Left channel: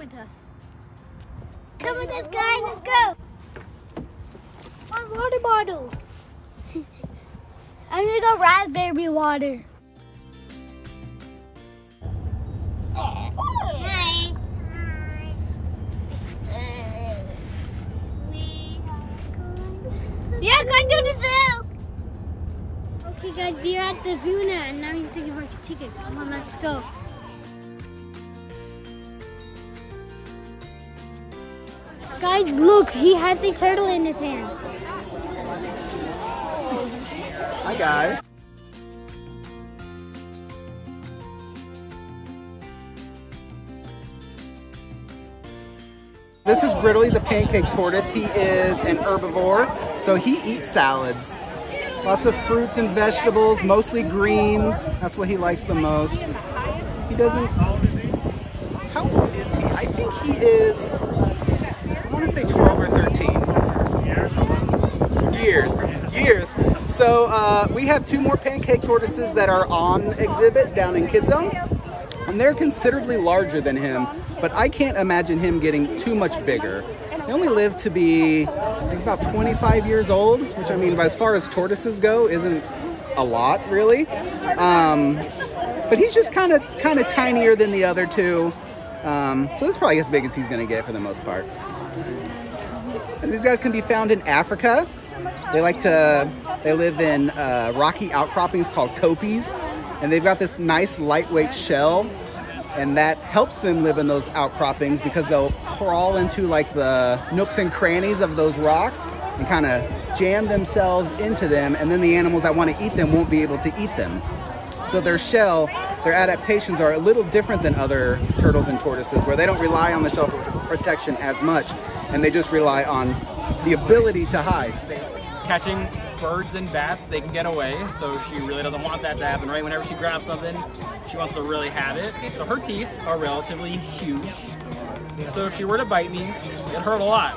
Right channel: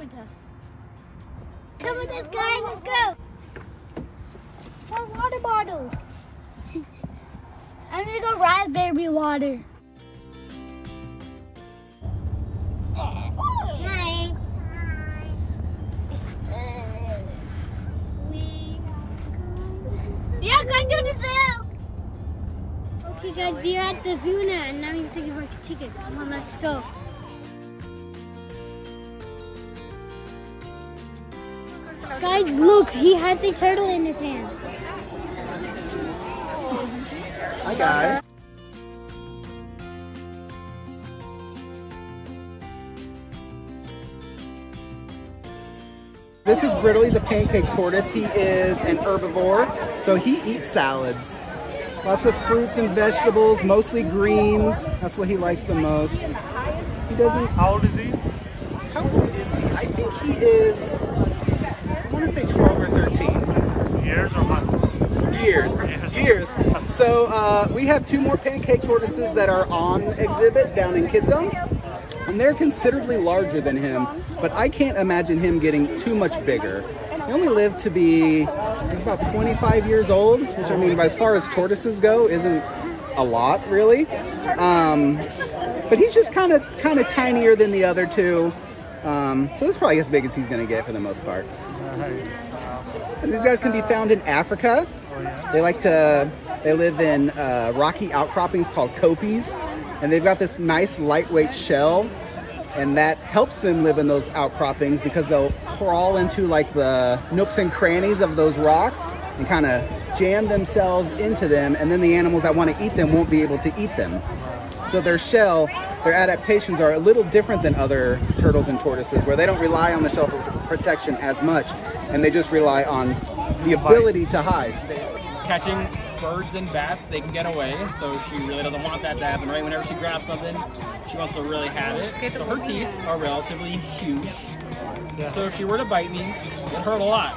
with us. Come with us, guys. Let's go. Water bottle. And we got raspberry water. Hi. Hi. We are going to the zoo. Okay, guys, we are at the zoo now, and now you're taking our ticket. Come on, let's go. Guys, look, he has a turtle in his hand. Hi, guys. This is Griddle. He's a pancake tortoise. He is an herbivore, so he eats salads. Lots of fruits and vegetables, mostly greens. That's what he likes the most. He doesn't... How old is he? I think he is, I want to say 12 or 13. Years. So we have 2 more pancake tortoises that are on exhibit down in Kids Zone. And they're considerably larger than him, but I can't imagine him getting too much bigger. They only live to be like about 25 years old, which I mean, as far as tortoises go, isn't a lot really. But he's just kind of tinier than the other 2. So that's probably as big as he's gonna get for the most part. And these guys can be found in Africa. They live in rocky outcroppings called kopis. And they've got this nice lightweight shell, and that helps them live in those outcroppings because they'll crawl into like the nooks and crannies of those rocks and kind of jam themselves into them, and then the animals that want to eat them won't be able to eat them. So their shell, their adaptations are a little different than other turtles and tortoises, where they don't rely on the shell for protection as much, and they just rely on the ability to hide. Catching birds and bats, they can get away, so she really doesn't want that to happen, right? Whenever she grabs something, she wants to really have it. So her teeth are relatively huge. So if she were to bite me, it'd hurt a lot.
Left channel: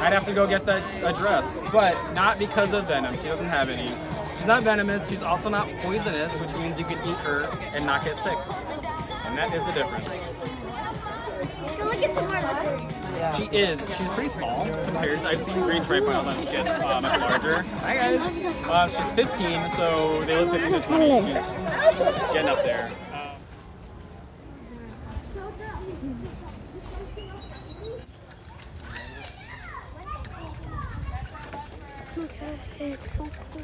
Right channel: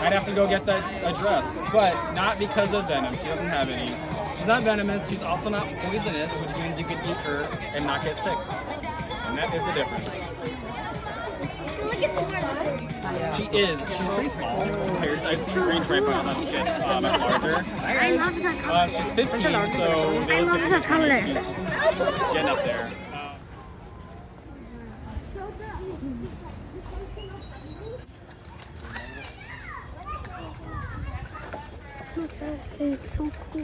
I'd have to go get that addressed, but not because of venom. She doesn't have any. She's not venomous, she's also not poisonous, which means you can eat her and not get sick. And that is the difference. She's pretty small compared to, I've seen green stripe pythons get much larger. Hi guys. She's 15, so they look 15 to 20. She's getting up there. Okay, it's so cool.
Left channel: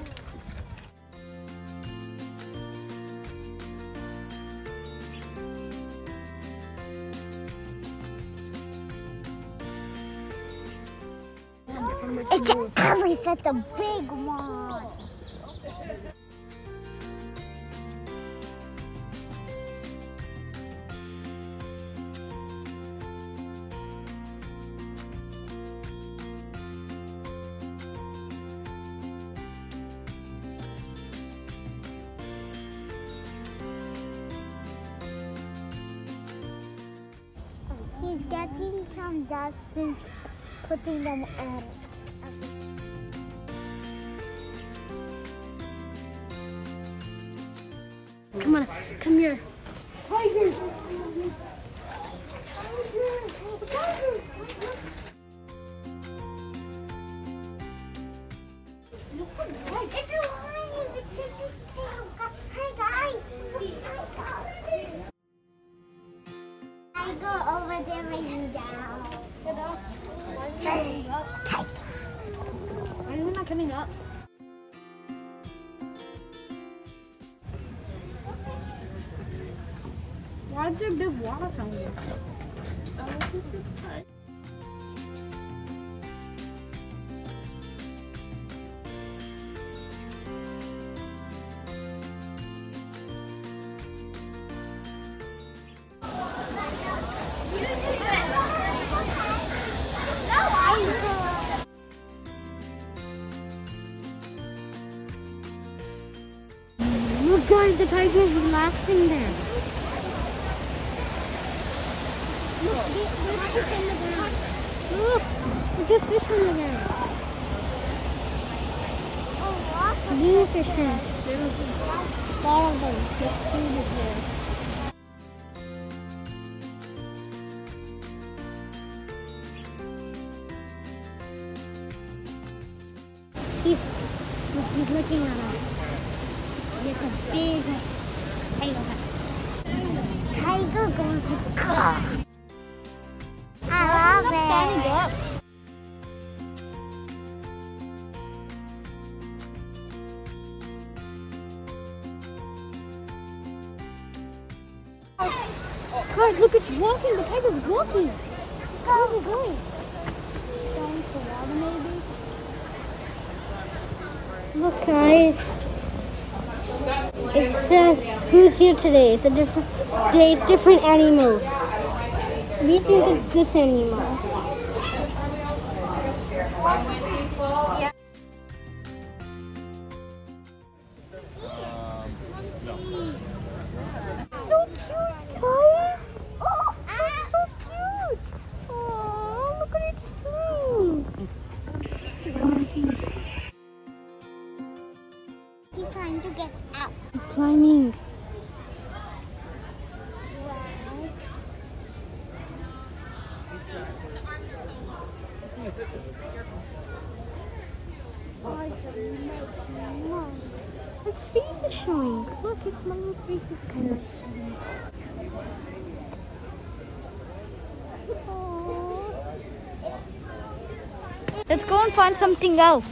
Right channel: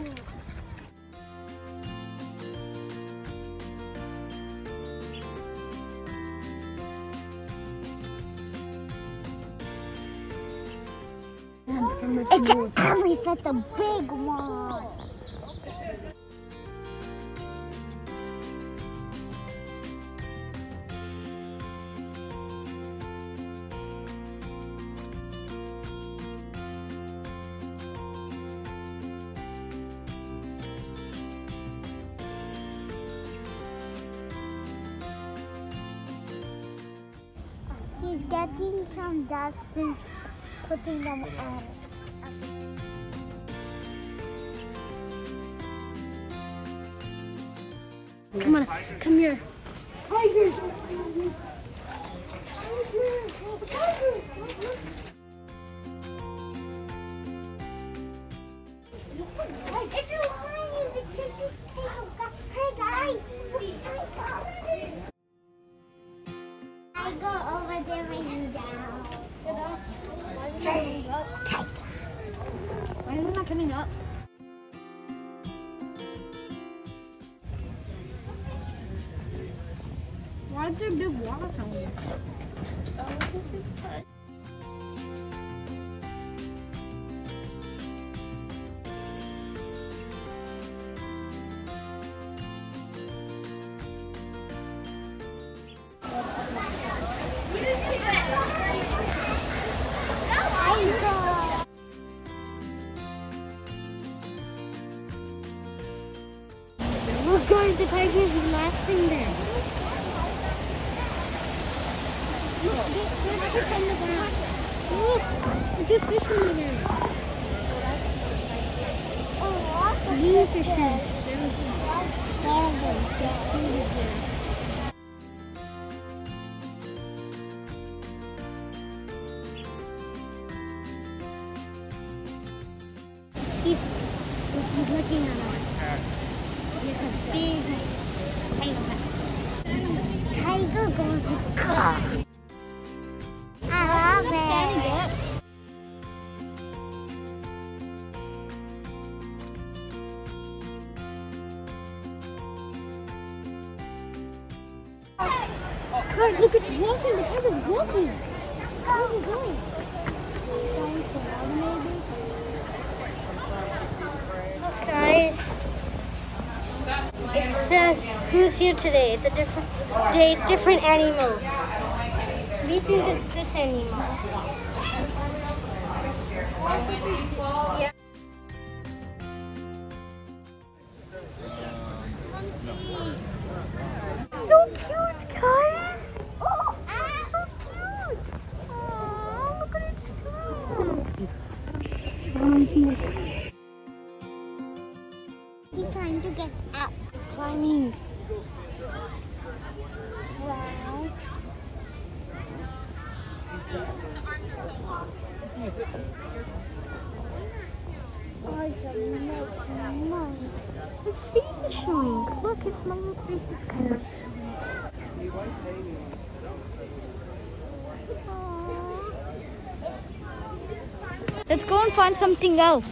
It's an elephant, the big one. He's getting some dust and putting them on. Come on, come here. Tiger! It's a lion! It's his tail! Hi guys! I go over there and you down. Why are we not coming up? Why is there a big water fountain? Look guys, the tiger is relaxing there. Look, there's a fish in the ground. Blue fishes. There's all of them. There's food in there. He's looking at us. He has a big tiger. Tiger goes to the car. I love it. God, look, it's walking. The tiger's walking. Where's it going? Down to the water, maybe? Look, guys. It's who's here today? It's a different day, different animal. We think it's this animal. Yeah. So cute, guys. Oh, it's so cute. Oh, look at it too. He's trying to get out. He's climbing. Wow. Its face is showing. Look, its little face is kind of showing. Aww. Let's go and find something else.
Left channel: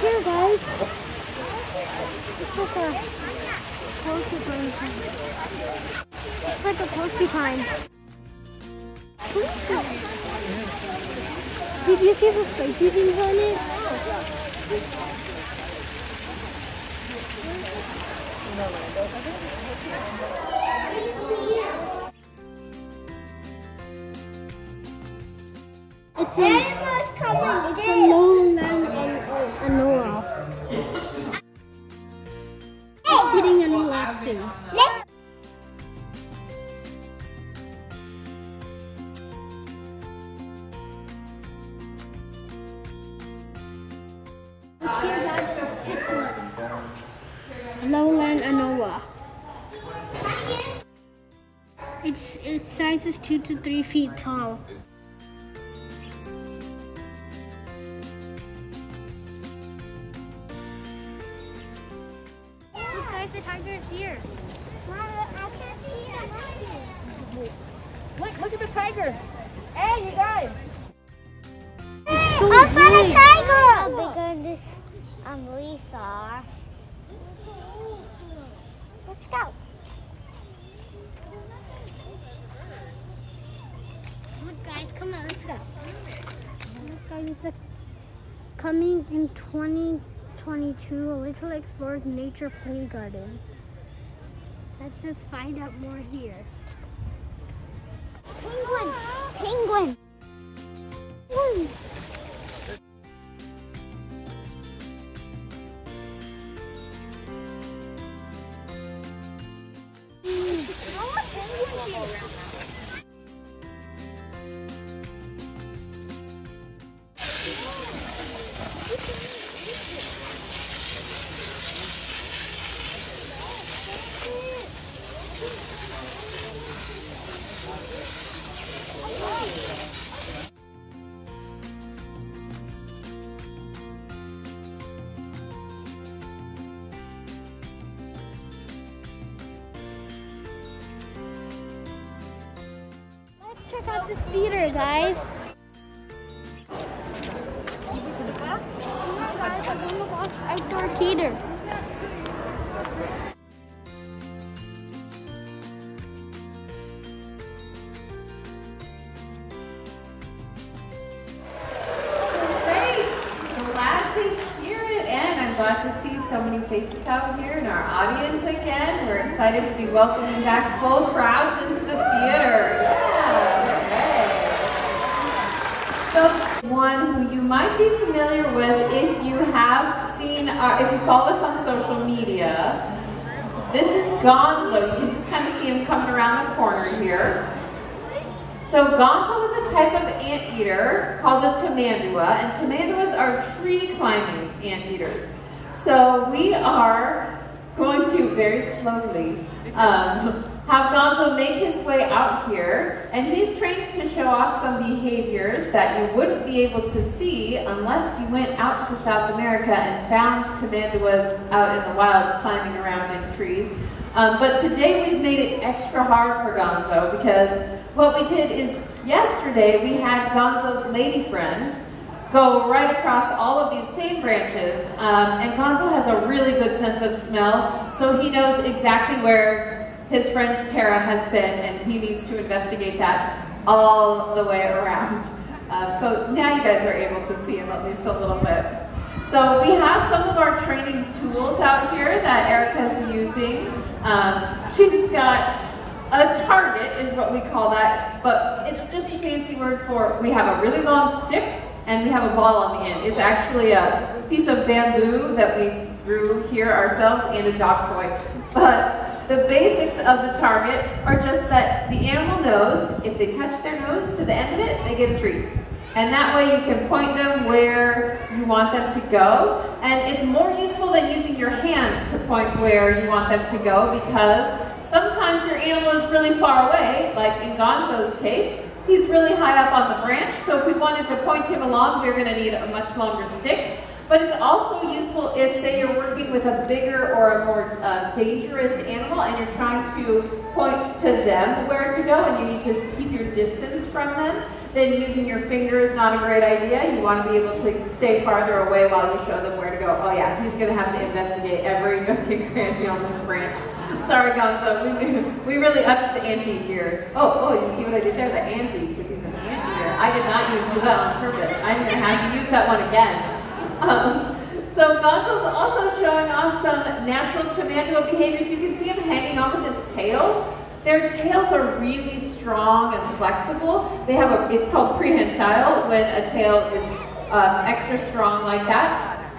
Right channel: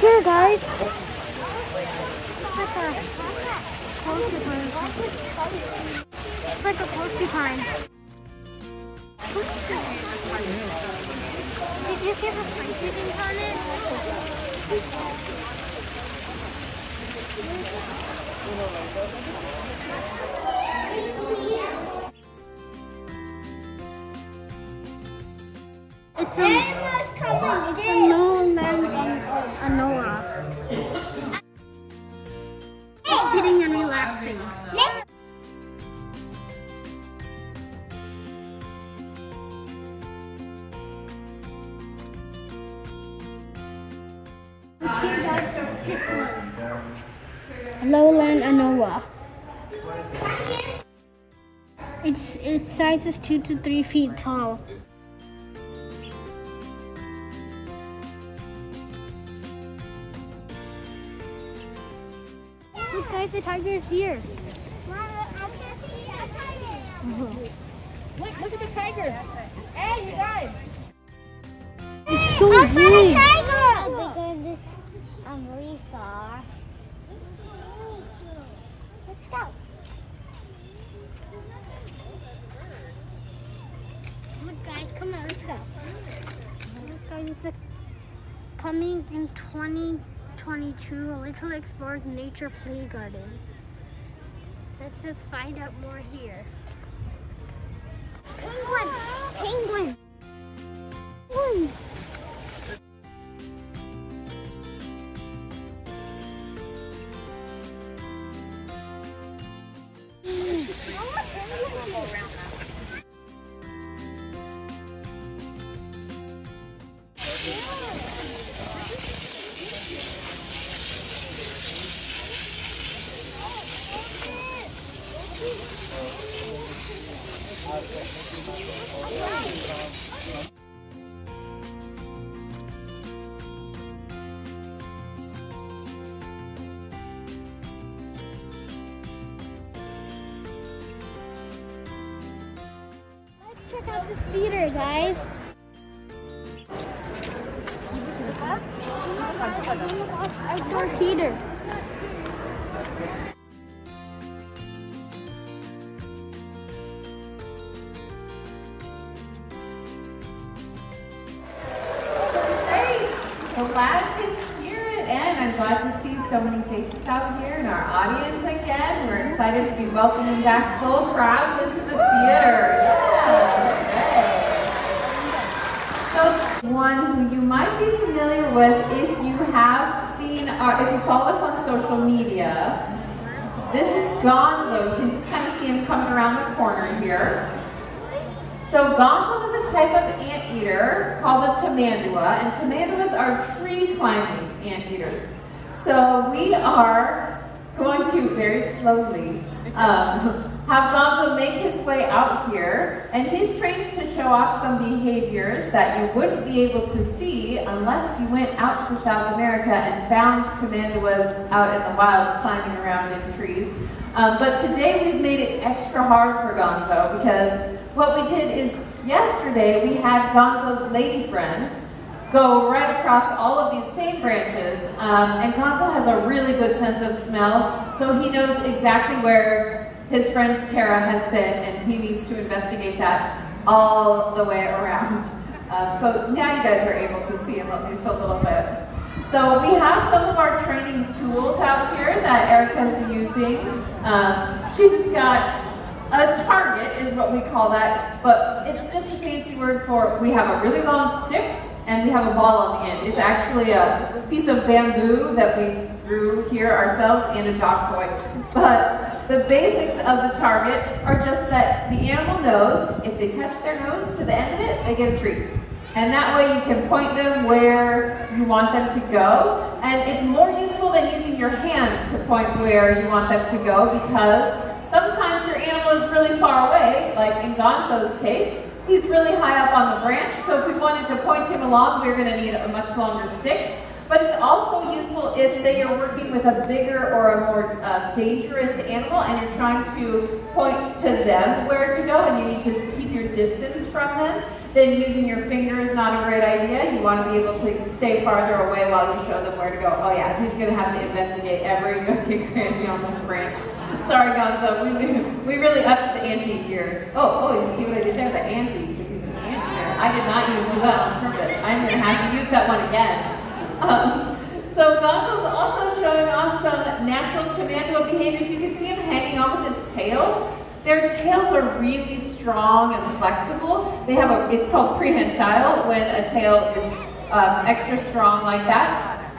Here, guys. It's like a porcupine. It's like a porcupine. Did you see the spiky things on it? It's a lowland Anoa. It's sitting and relaxing. Here, guys, this one. Lowland Anoa. Its size is 2 to 3 feet tall. Look, guys, the tiger is here. Mom, I can't see the tiger. Look at the tiger. Hey, you guys. I found a tiger! How bigger this reefs are. Let's go. Look, guys, come on, let's go. Look, guys, coming in 2022, a Little Explorers Nature Play Garden. Let's just find out more here. Penguin! Penguin! Penguin! Check out this theater, guys. Come on, guys, I'm gonna watch outdoor theater. Great! Glad to hear it, and I'm glad to see so many faces out here in our audience again. We're excited to be welcoming back full crowds into the theater. So one who you might be familiar with if you have seen, if you follow us on social media, this is Gonzo. You can just kind of see him coming around the corner here. So Gonzo is a type of anteater called the tamandua, and tamanduas are tree climbing anteaters. So we are going to very slowly have Gonzo make his way out here, and he's trained to show off some behaviors that you wouldn't be able to see unless you went out to South America and found tamanduas out in the wild climbing around in trees. But today we've made it extra hard for Gonzo because what we did is yesterday we had Gonzo's lady friend go right across all of these same branches, and Gonzo has a really good sense of smell, so he knows exactly where his friend Tara has been, and he needs to investigate that all the way around. So now you guys are able to see him at least a little bit. So we have some of our training tools out here that Erica's using. She's got a target, is what we call that, but it's just a fancy word for we have a really long stick and we have a ball on the end. It's actually a piece of bamboo that we grew here ourselves and a dog toy. But the basics of the target are just that the animal knows if they touch their nose to the end of it, they get a treat. And that way you can point them where you want them to go. And it's more useful than using your hands to point where you want them to go, because sometimes your animal is really far away, like in Gonzo's case. He's really high up on the branch, so if we wanted to point him along, we're going to need a much longer stick. But it's also useful if, say, you're working with a bigger or a more dangerous animal and you're trying to point to them where to go and you need to keep your distance from them, then using your finger is not a great idea. You want to be able to stay farther away while you show them where to go. Oh yeah, he's going to have to investigate every nook and cranny on this branch. Sorry, Gonzo, we really upped the ante here. Oh, you see what I did there? The ante, because he's an anteater. I did not even do that on purpose. I'm going to have to use that one again. So Gonzo's also showing off some natural tamandua behaviors. You can see him hanging on with his tail. Their tails are really strong and flexible. They have it's called prehensile when a tail is extra strong like that.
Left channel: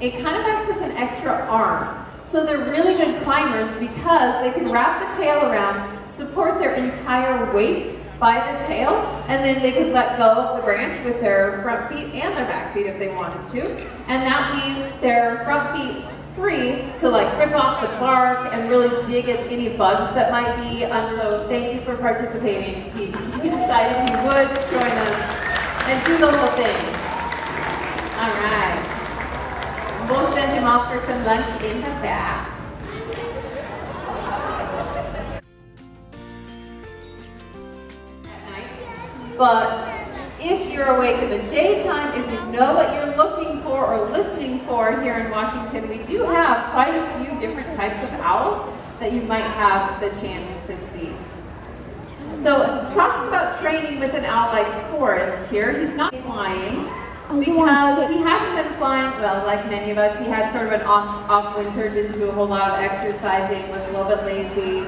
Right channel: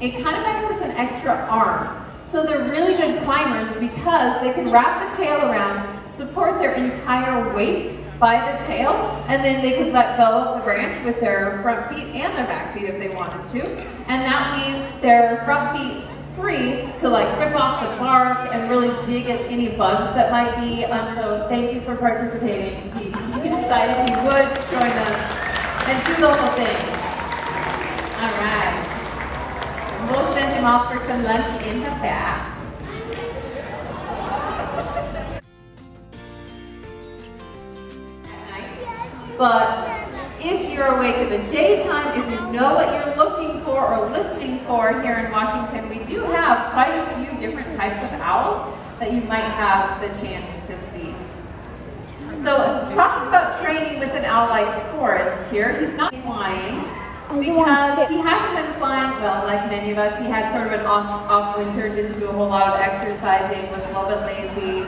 It kind of acts as an extra arm. So they're really good climbers because they can wrap the tail around, support their entire weight by the tail, and then they could let go of the branch with their front feet and their back feet if they wanted to. And that leaves their front feet free to like rip off the bark and really dig at any bugs that might be. So thank you for participating. He decided he would join us and do the whole thing. All right. We'll send him off for some lunch in the back. But if you're awake in the daytime, if you know what you're looking for or listening for here in Washington, we do have quite a few different types of owls that you might have the chance to see. So talking about training with an owl like Forrest here, he's not flying because he hasn't been flying, well, like many of us. He had sort of an off winter, didn't do a whole lot of exercising, was a little bit lazy.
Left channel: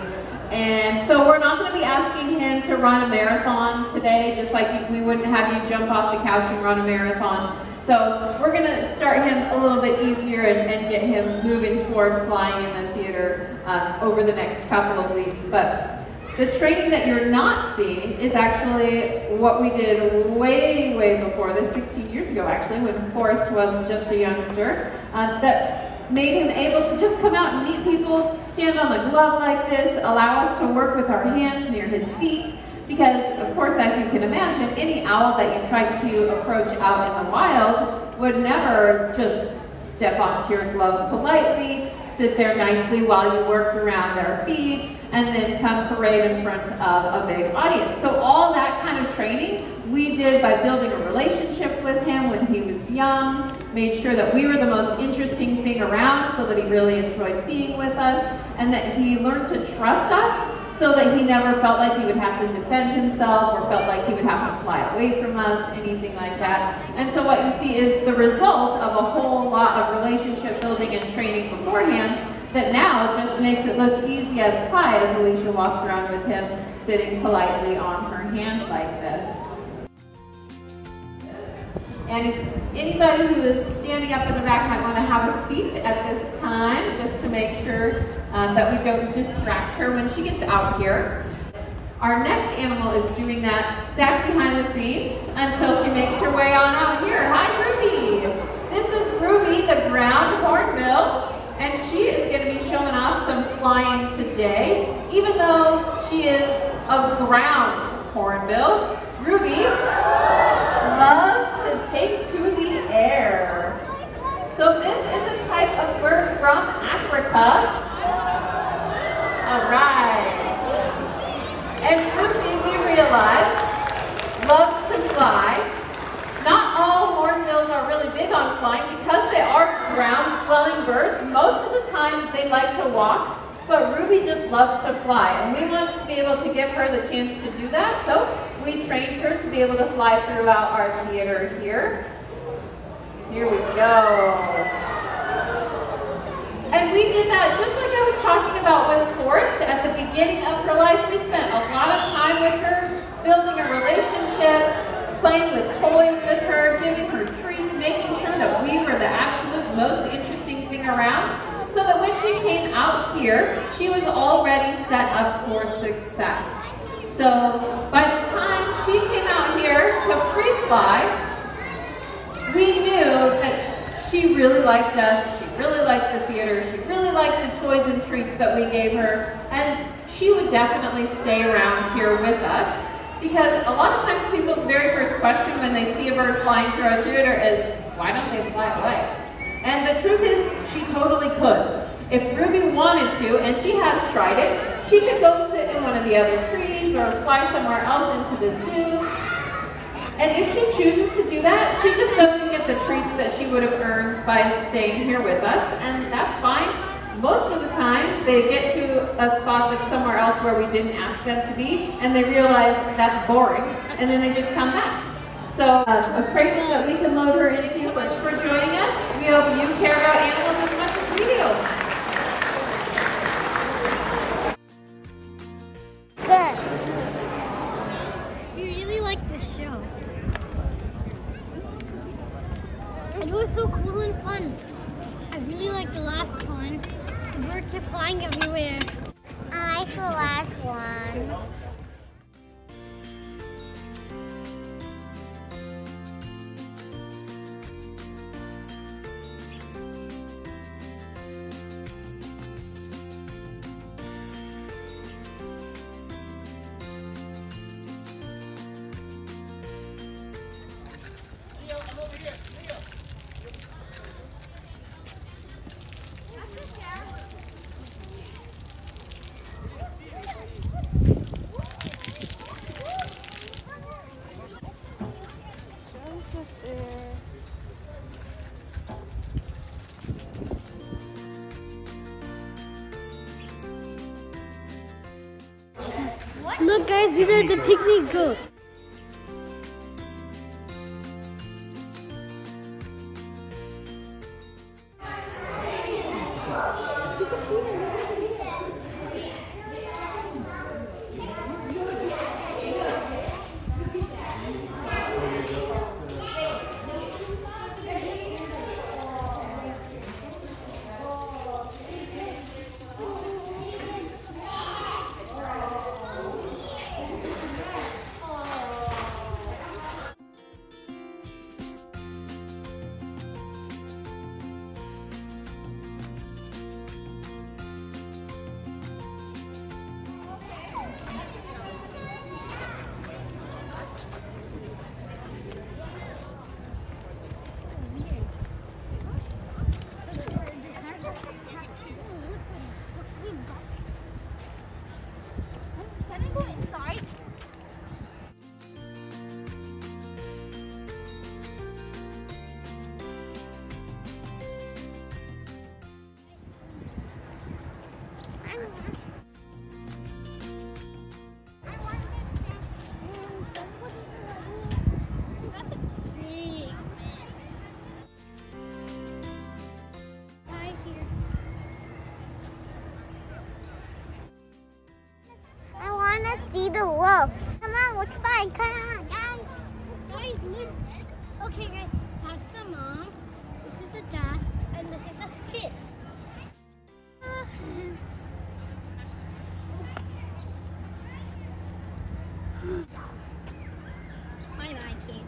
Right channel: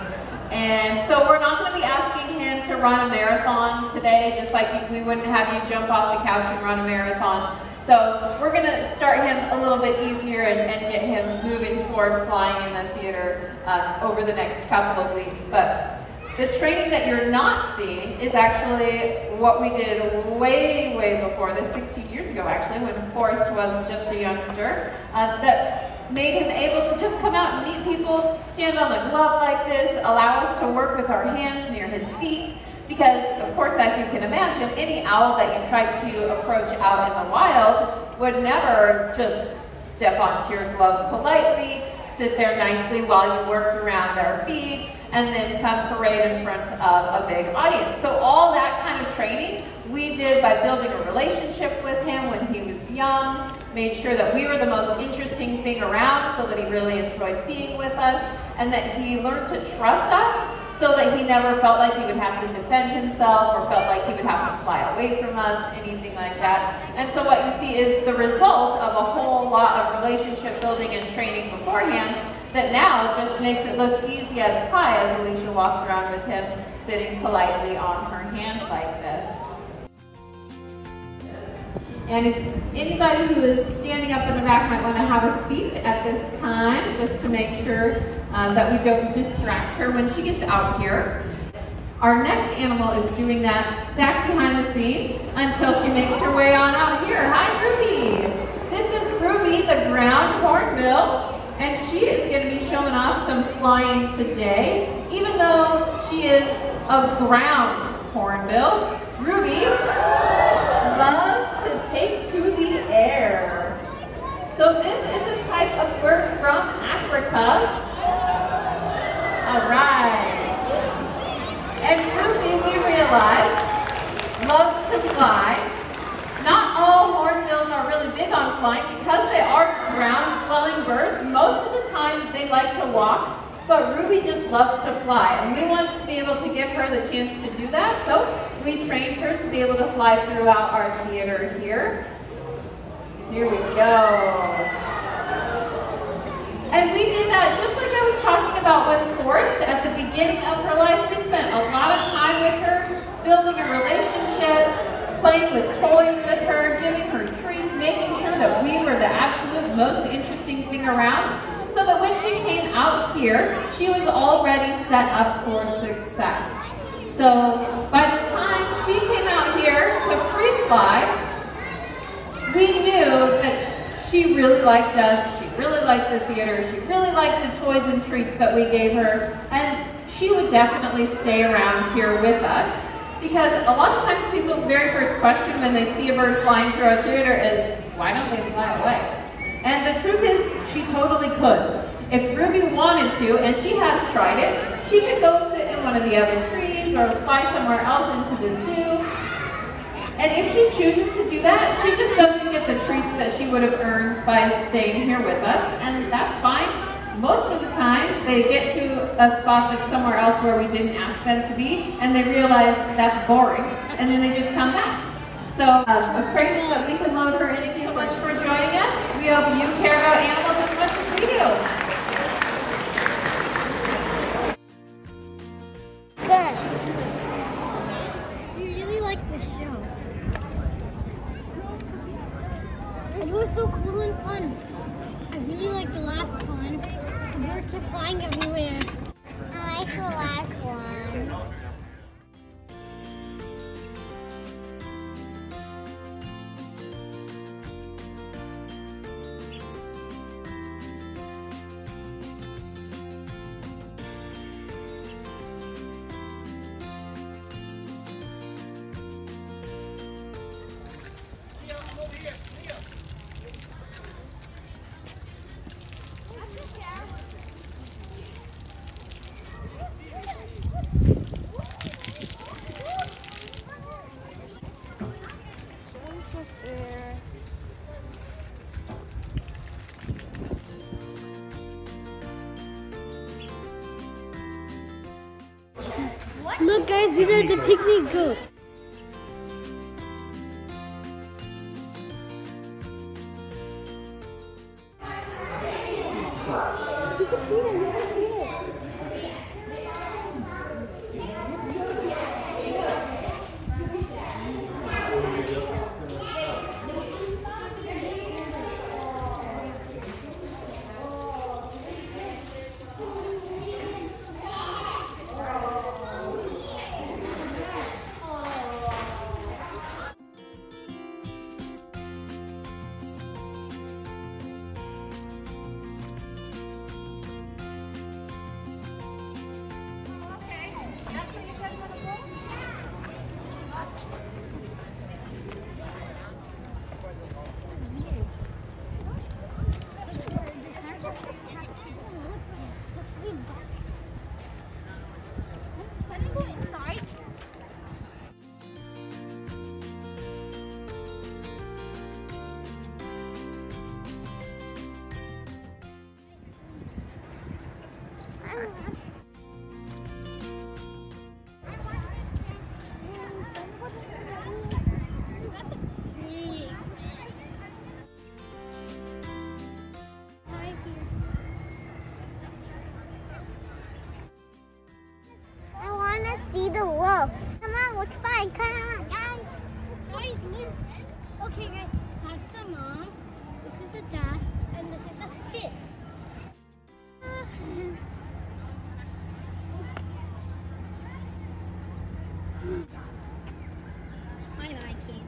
And so we're not going to be asking him to run a marathon today, just like we wouldn't have you jump off the couch and run a marathon. So we're going to start him a little bit easier and get him moving toward flying in the theater over the next couple of weeks. But the training that you're not seeing is actually what we did way, way before this, 16 years ago actually, when Forrest was just a youngster, that made him able to just come out and meet people, stand on the glove like this, allow us to work with our hands near his feet, because of course, as you can imagine, any owl that you tried to approach out in the wild would never just step onto your glove politely, sit there nicely while you worked around their feet, and then come parade in front of a big audience. So all that kind of training we did by building a relationship with him when he was young, made sure that we were the most interesting thing around so that he really enjoyed being with us, and that he learned to trust us so that he never felt like he would have to defend himself or felt like he would have to fly away from us, anything like that. And so what you see is the result of a whole lot of relationship building and training beforehand that now just makes it look easy as pie as Alicia walks around with him sitting politely on her hand like this. And if anybody who is standing up in the back might want to have a seat at this time, just to make sure that we don't distract her when she gets out here. Our next animal is doing that back behind the scenes until she makes her way on out here. Hi, Ruby. This is Ruby, the ground hornbill. and she is going to be showing off some flying today, even though she is a ground hornbill. Ruby loves to take to the air. So this is a type of bird from Africa. All right. And Ruby, we realize, loves to fly. Not all hornbills are really big on flying because they are ground-dwelling birds. Most of the time they like to walk, but Ruby just loved to fly. And we wanted to be able to give her the chance to do that, so we trained her to be able to fly throughout our theater here. Here we go. And we did that just like I was talking about with Forrest at the beginning of her life. We spent a lot of time with her, building a relationship, playing with toys with her, giving her treats, making sure that we were the absolute most interesting thing around, so that when she came out here, she was already set up for success. So by the time she came out here to free fly, we knew that she really liked us, she really liked the theater, she really liked the toys and treats that we gave her, and she would definitely stay around here with us. Because a lot of times people's very first question when they see a bird flying through our theater is, why don't they fly away? And the truth is, she totally could. If Ruby wanted to, and she has tried it, she could go sit in one of the other trees or fly somewhere else into the zoo. And if she chooses to do that, she just doesn't get the treats that she would have earned by staying here with us, and that's fine. Most of the time, they get to a spot that's somewhere else where we didn't ask them to be, and they realize that's boring, and then they just come back. So, a crate that we can load her into. Thank you so much for joining us. We hope you care about animals as much as we do. Good. We really like this show. It was so cool and fun. I really liked the last one. The birds kept flying everywhere. I like the last one. Look guys, these are the pygmy ghosts. See the wolf. Come on, let's find. Come on, guys. Okay, guys. That's the mom. This is the dad, and this is the kid. Bye-bye, kid.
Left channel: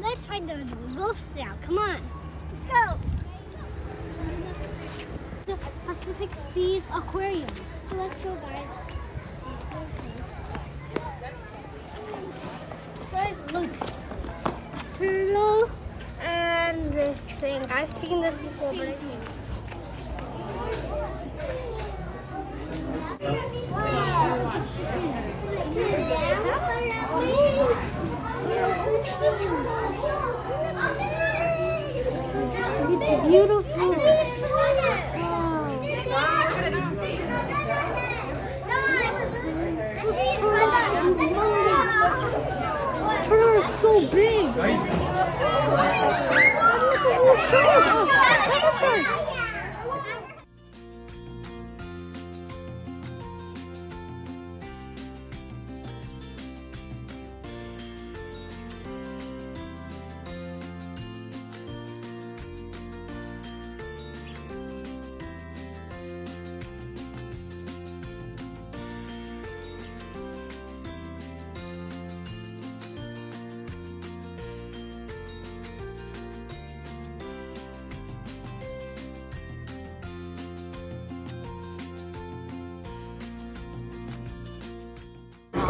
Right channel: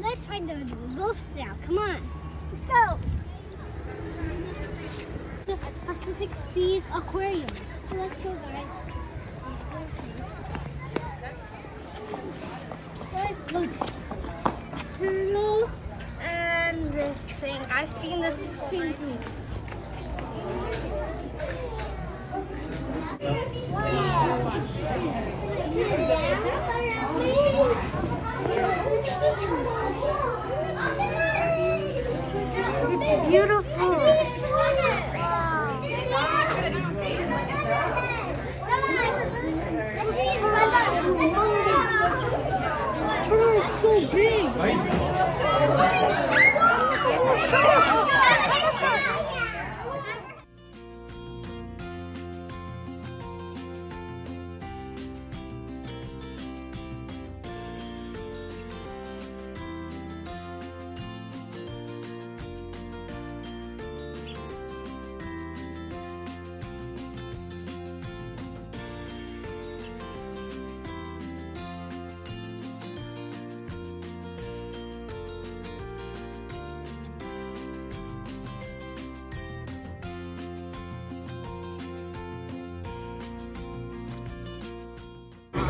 Let's try find the wolves now. Come on. Let's go. The Pacific Seas Aquarium. So let's go, guys. Guys, look. Turtle and this thing. I've seen this before. It's beautiful. This turtle is so big.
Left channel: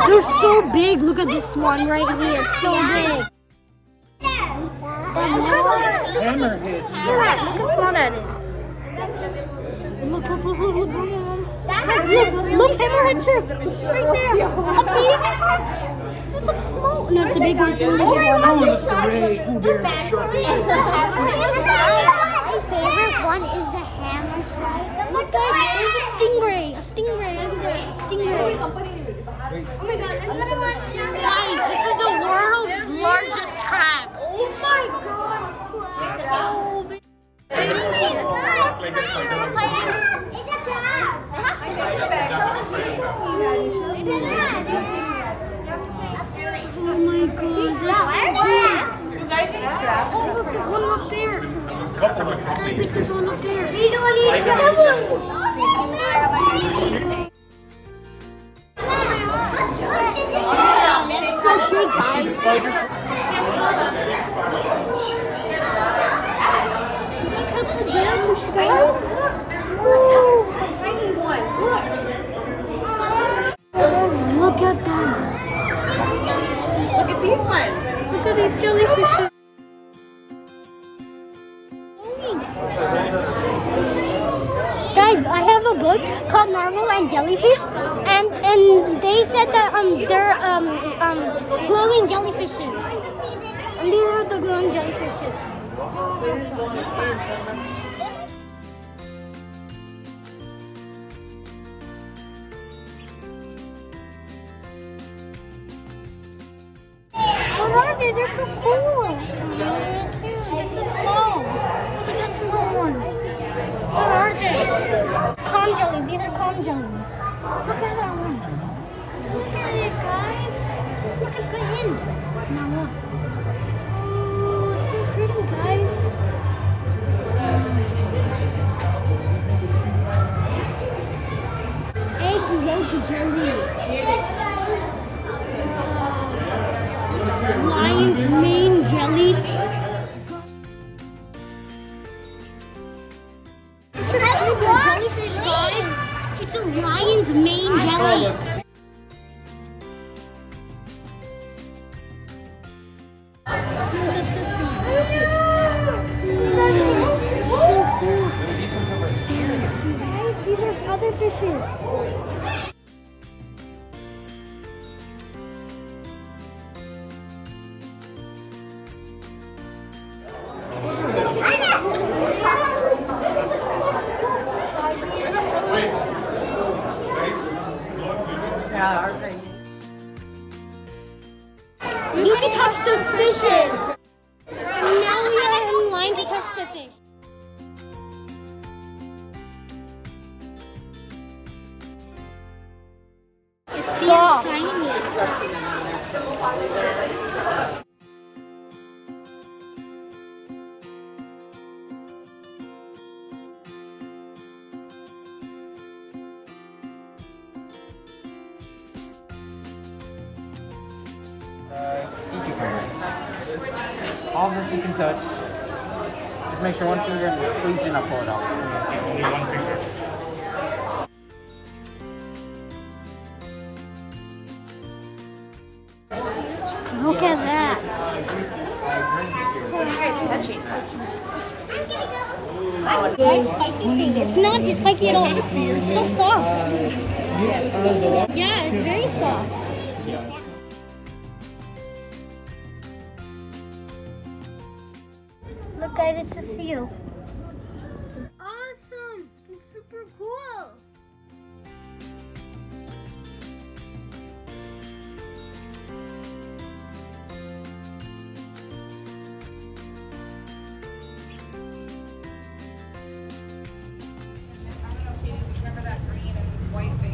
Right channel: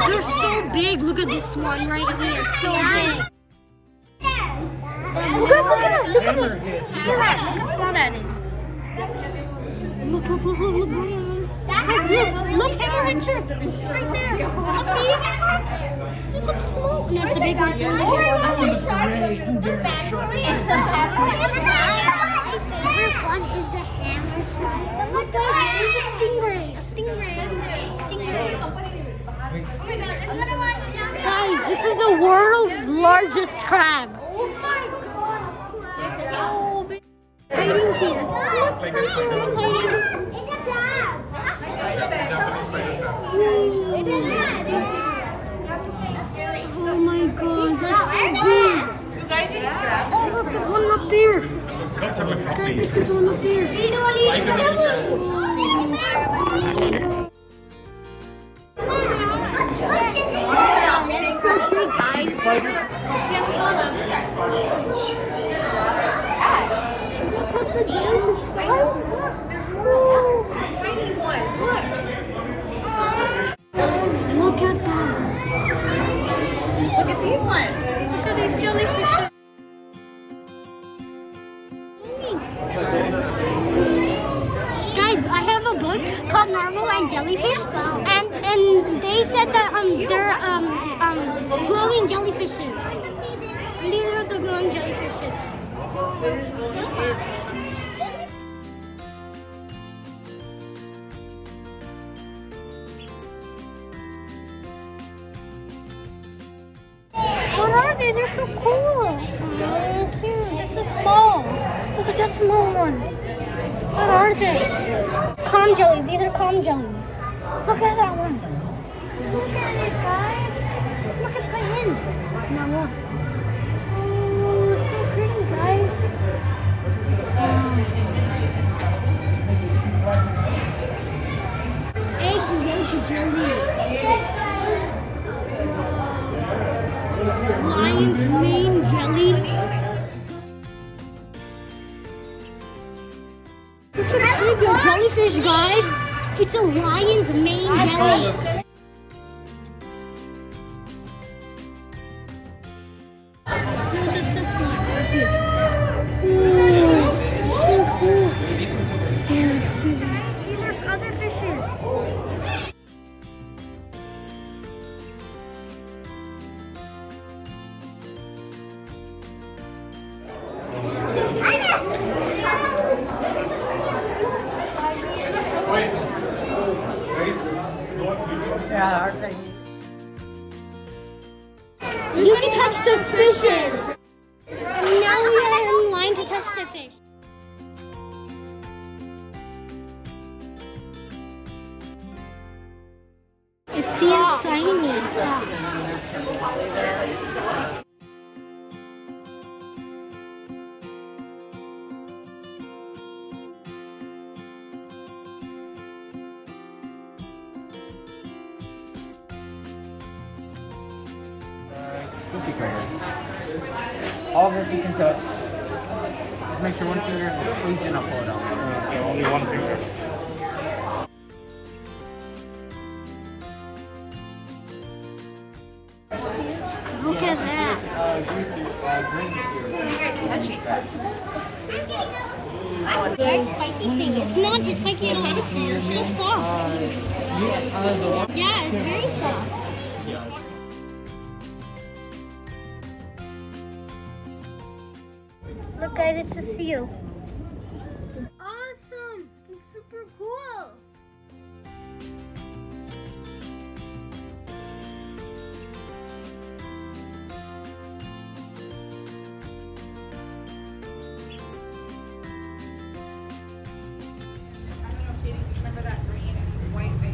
They're so big. Look at this one right here. It's so big. Look at how small that is. Look. Look, hammerhead shrimp. Right there. Up here. This is something small. No, it's a big one. My favorite one is the hammer shrimp. Look at it. There's a stingray. A stingray in there. A stingray. Guys, this is the world's largest crab. Oh my god! Fighting here. Oh my god, that's so big. Oh, look, there's one up there. Guys, look, there's one up there. You don't need to. Wow, that's so big, guys. Look at the jellyfish, guys. There's tiny ones. Look at them. Look at these ones. Look at these jellyfish. Guys, I have a book called Narwhal and Jellyfish, and they said that they're glowing jellyfishes. And these are the glowing jellyfishes. They're so cool. This is small. Look at this small one. What are they? Calm jellies. These are calm jellies. Look at that one. Look at it, guys. Look, it's going in. Now look. Oh, it's so pretty, guys. Egg yolk jelly. Lion's mane jelly. Jellyfish, guys. It's a lion's mane jelly. Guys, these are other fishes. You can touch the fishes. And now we are in line to touch the fish. It's small. Sea cucumbers. All of this you can touch. Just make sure one finger, please do not pull it out. Okay, only one finger. Look at that. Green sear. Very spiky thing. It's not spiky at all. It's so soft. Yeah, it's very soft. Yeah. Look guys, it's a seal. Awesome! It's super cool.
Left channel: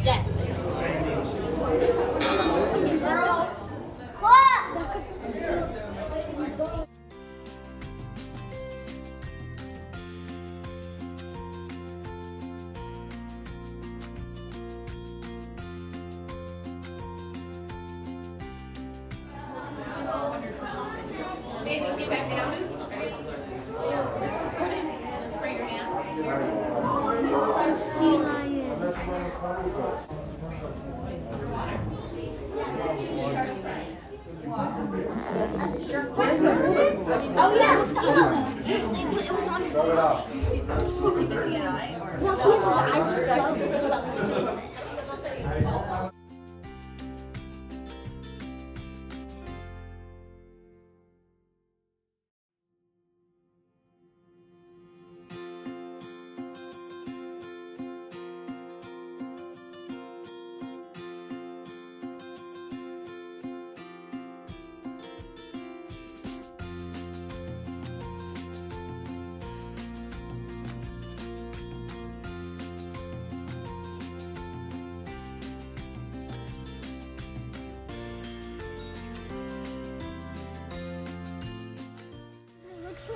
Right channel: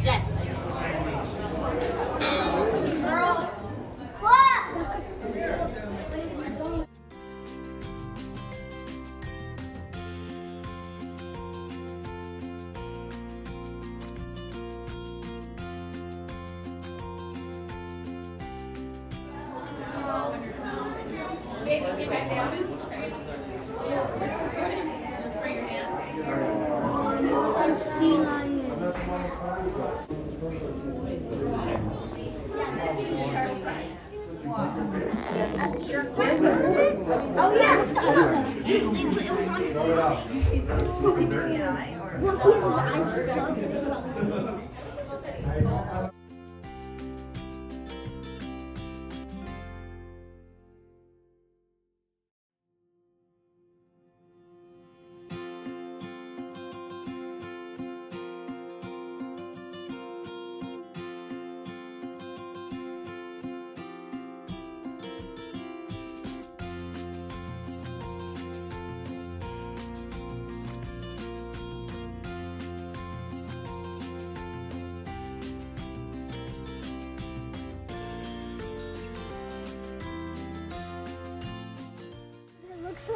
Yes. Baby, get back down. Spray your hand. Some sea lion. Oh yeah, that's the elephant. It was on his eye. No, he has his eyes closed.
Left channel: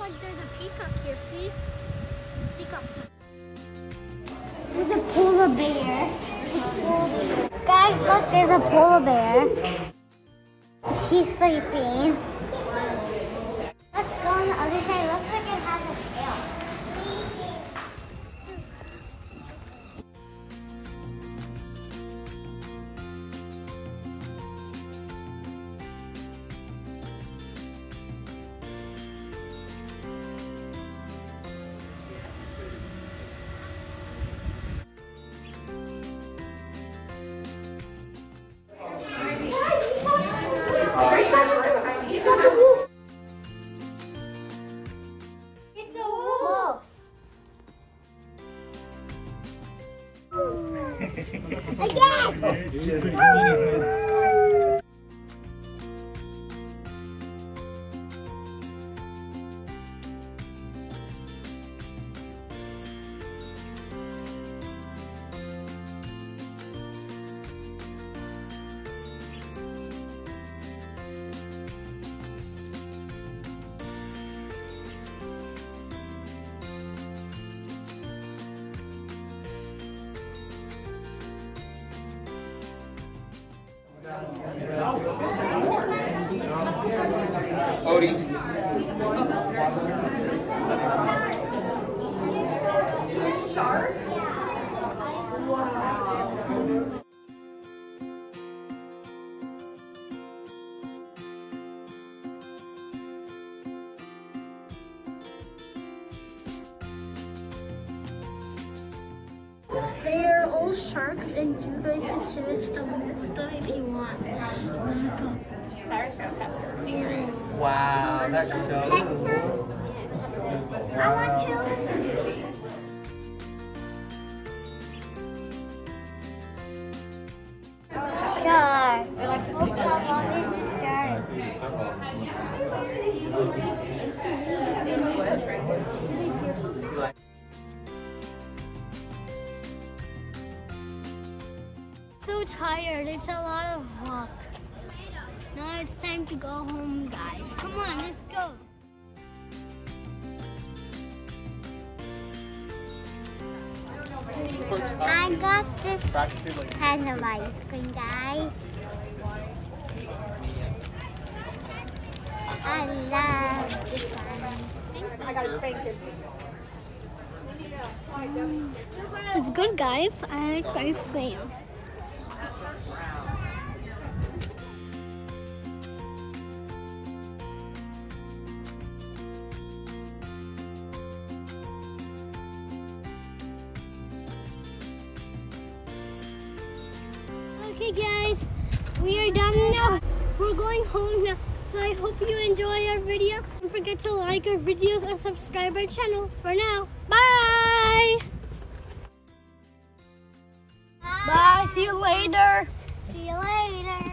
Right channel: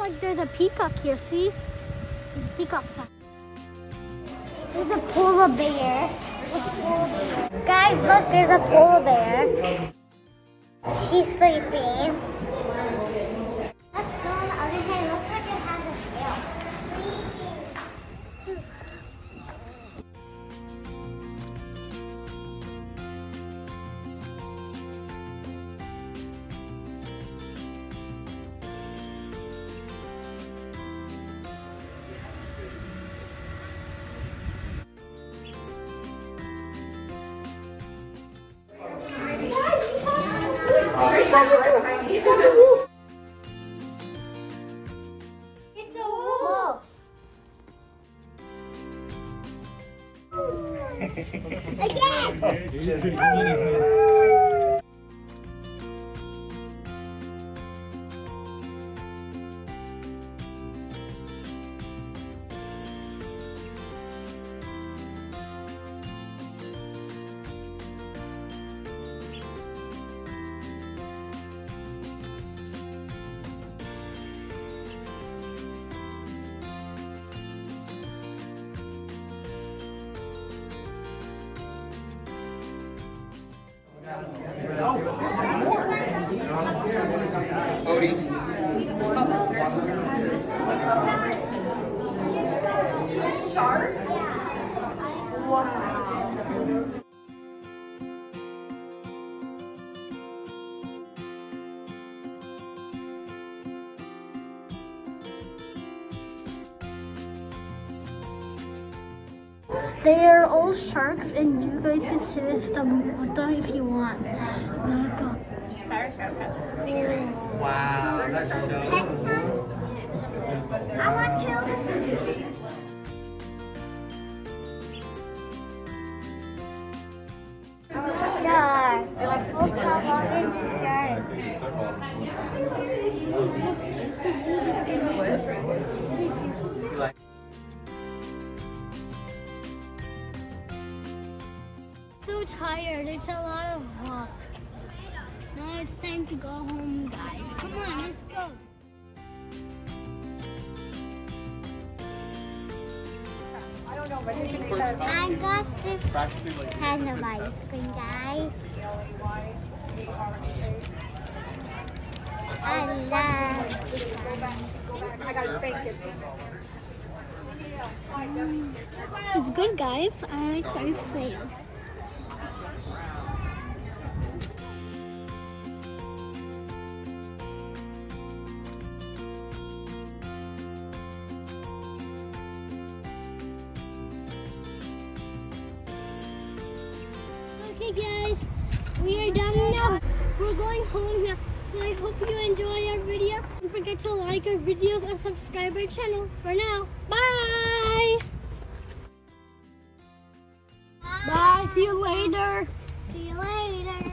Like there's a peacock here, see? Peacock sign. There's a polar bear. Guys, look, there's a polar bear. She's sleeping. Let's go on the other side. Looks like it has a scale. It's a wolf. Again. Odie. Sharks? Wow. They are all sharks, and you guys can sit with them if you want. Cyrus got pets and stingers. Wow, that's so cool. I want to. Shark. What is this shark? So tired. It's a lot of walk. Now it's time to go home, guys. Come on, let's go. I got this kind of ice cream, guys. I love this one. It's good, guys. I like ice cream. Okay guys, we are done now. We're going home now. So I hope you enjoyed our video. Don't forget to like our videos and subscribe our channel. For now, bye! Bye, see you later. See you later.